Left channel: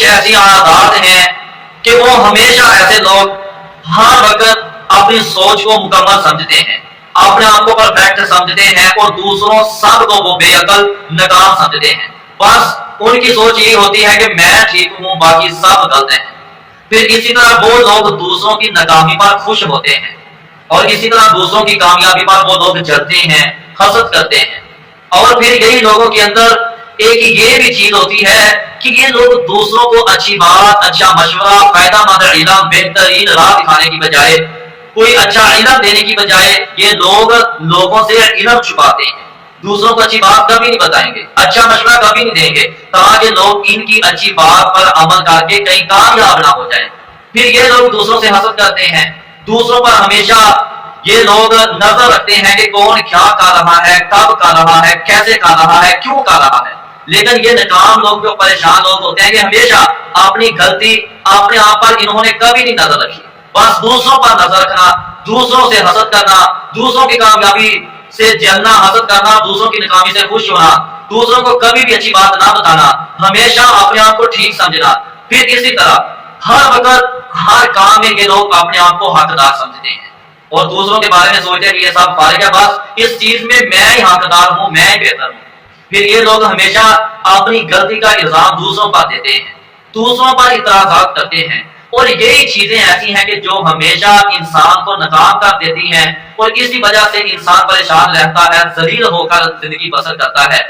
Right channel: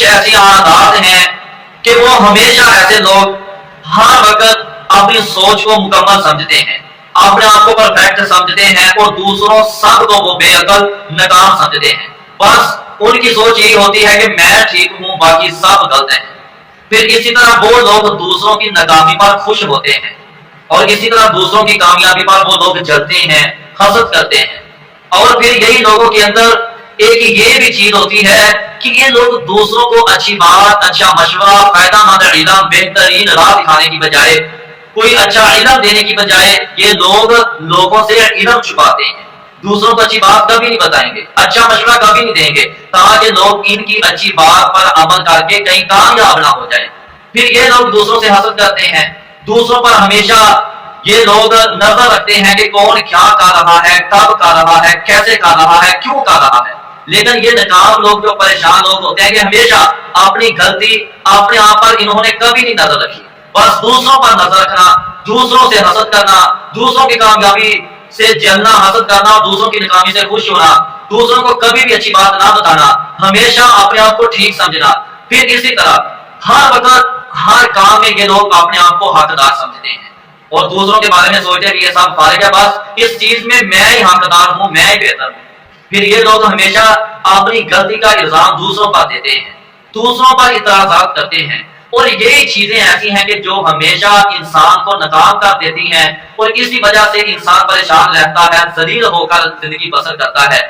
کچھ ایسی عادات ہیں کہ وہ ہمیشہ ایسے لوگ ہر وقت اپنی سوچ کو مکمل سمجھتے ہیں، اپنے آپ کو پرفیکٹ سمجھتے ہیں، اور دوسروں سب کو وہ بے عقل ناکام سمجھتے ہیں۔ بس ان کی سوچ یہی ہوتی ہے کہ میں ٹھیک ہوں، باقی سب غلط ہیں۔ پھر اسی طرح وہ لوگ دوسروں کی ناکامی پر خوش ہوتے ہیں، اور اسی طرح دوسروں کی کامیابی پر وہ لوگ جلتے ہیں، حسد کرتے ہیں۔ اور پھر یہی لوگوں کے اندر ایک یہ بھی چیز ہوتی ہے کہ یہ لوگ دوسروں کو اچھی بات، اچھا مشورہ، فائدہ مند علم، بہترین راہ دکھانے کی بجائے، کوئی اچھا علم دینے کی بجائے، یہ لوگ لوگوں سے علم چھپاتے ہیں، دوسروں کو اچھی بات کبھی نہیں بتائیں گے، اچھا مشورہ کبھی نہیں دیں گے، تاکہ لوگ ان کی اچھی بات پر عمل کر کے کہیں کامیاب نہ ہو جائیں۔ پھر یہ لوگ دوسروں سے حسد کرتے ہیں، دوسروں پر ہمیشہ یہ لوگ نظر رکھتے ہیں کہ کون کیا کر رہا ہے، کب کر رہا ہے، کیسے کر رہا ہے، کیوں کر رہا ہے۔ لیکن یہ ناکام لوگ، جو پریشان لوگ ہوتے ہیں، کہ ہمیشہ اپنی غلطی اپنے آپ پر انہوں نے کبھی نہیں نظر رکھی، بس دوسروں پر نظر رکھنا، دوسروں سے حسد کرنا، دوسروں کی کامیابی سے جلنا، حسد کرنا، دوسروں کی ناکامی سے خوش ہونا، دوسروں کو کبھی بھی اچھی بات نہ بتانا، ہمیشہ اپنے آپ کو ٹھیک سمجھنا۔ پھر اسی طرح ہر وقت ہر کام میں یہ لوگ اپنے آپ کو حقدار سمجھتے ہیں، اور دوسروں کے بارے میں سوچتے ہیں کہ یہ سب فارغ ہے، بس اس چیز میں میں ہی حقدار ہوں، میں ہی بہتر ہوں۔ پھر یہ لوگ ہمیشہ اپنی غلطی کا الزام دوسروں پر دیتے ہیں، دوسروں پر اعتراضات کرتے ہیں، اور یہی چیزیں ایسی ہیں کہ جو ہمیشہ انسان کو ناکام کر دیتی ہیں، اور اسی وجہ سے انسان پریشان رہتا ہے، ذلیل ہو کر زندگی بسر کرتا ہے۔